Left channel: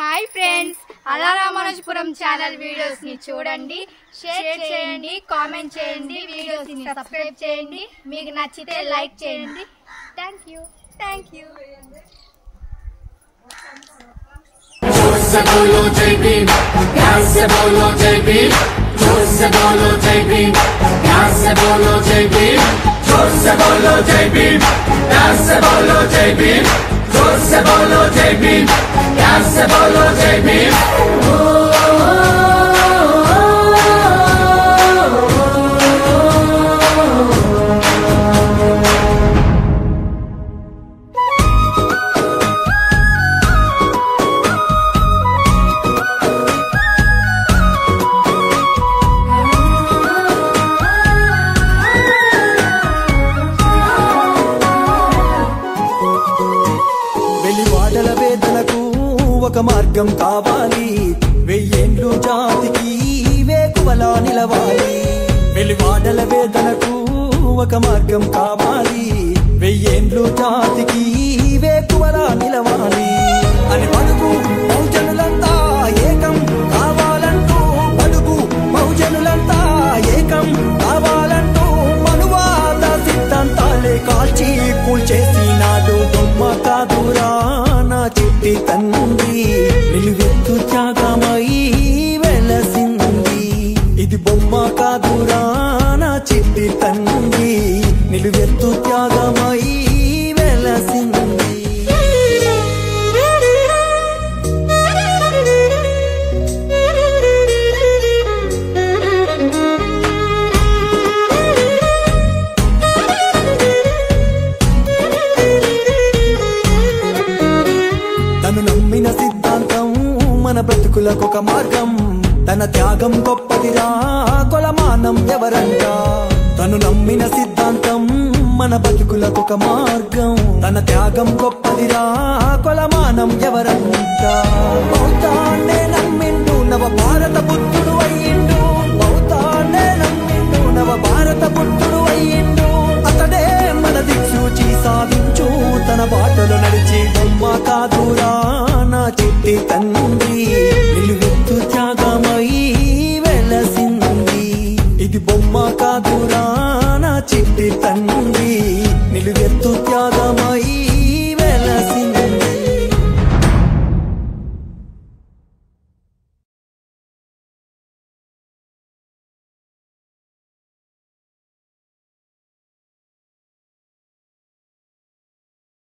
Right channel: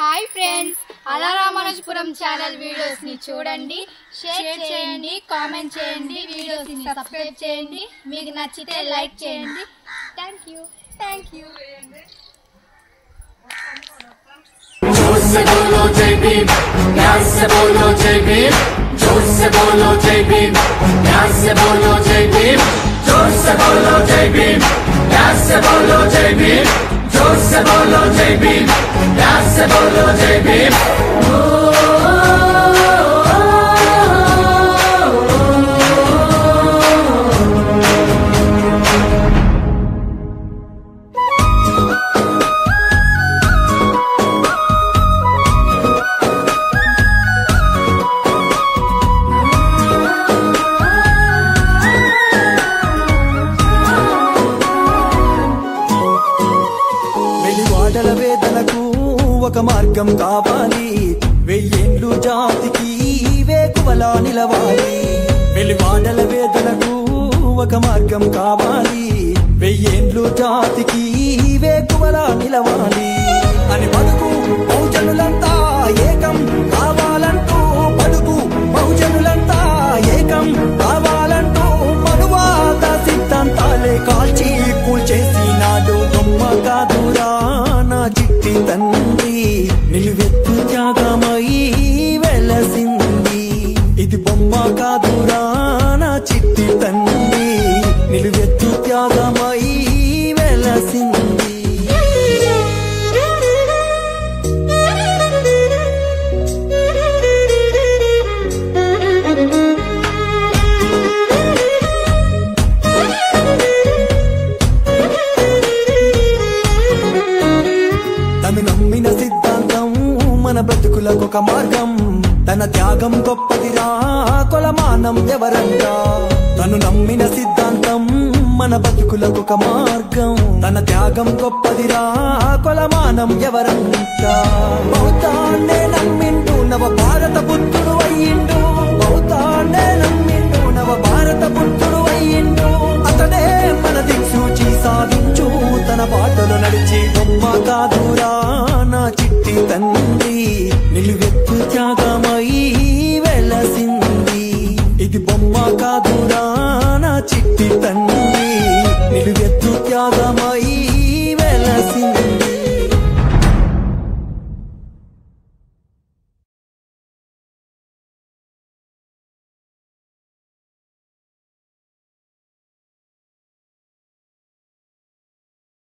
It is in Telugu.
హాయ్ ఫ్రెండ్స్, అలా రామానుజపురం ఛానల్ వీడియోస్ ని చూడండి, షేర్ చేయండి, కామెంట్ చేయండి, వీడియోస్ ని సబ్స్క్రైబ్ చేయండి. మీకు నచ్చితే లైక్ చేయండి. Thank you. వెలివాడల వేదనకు ఒక మార్గం కావాలి, వెయ్యేండ్లు జాతికి వేకువలా నిలవాలి. వెలివాడల వేదనకు ఒక మార్గం కావాలి, వెయ్యేండ్లు జాతికి వేకువలా నిలవాలి అని బడుగు బహుజనులంతా ఏకం కావాలంటూ, బడుగు బహుజనులంతా ఏకం కావాలంటూ మనువాద సిద్ధాంతాలే కాల్చి కూల్చేసినాడు. బొమ్మ కాదురా నా చిట్టి తండ్రి, నిలువెత్తు త్యాగమై వెలసింది. ఇది బొమ్మ కాదురా నా చిట్టి తండ్రి, నిలువెత్తు త్యాగమై వెలసింది. తను నమ్మిన సిద్ధాంతం మన బ్రతుకులకొక మార్గం, తన త్యాగం గొప్పదిరా కొలమానం ఎవరంట. తను నమ్మిన సిద్ధాంతం మన బతుకులకొక మార్గం, తన త్యాగం గొప్పదిరా కొలమానం ఎవరంట. బౌద్ధాన్నే నమ్మిండు నవ భారత బుద్ధుడు అయ్యిండు, బౌద్ధాన్నే నమ్మిండు నవ భారత బుద్ధుడు అయ్యిండు. అతడే మన దిక్సూచి సాధించు తన బాటలో నడిచి. బొమ్మ కాదురా నా చిట్టి తండ్రి, నిలువెత్తు త్యాగమై వెలసింది. ఇది బొమ్మ కాదురా నా చిట్టి తండ్రి, నిలువెత్తు త్యాగమై వెలసింది.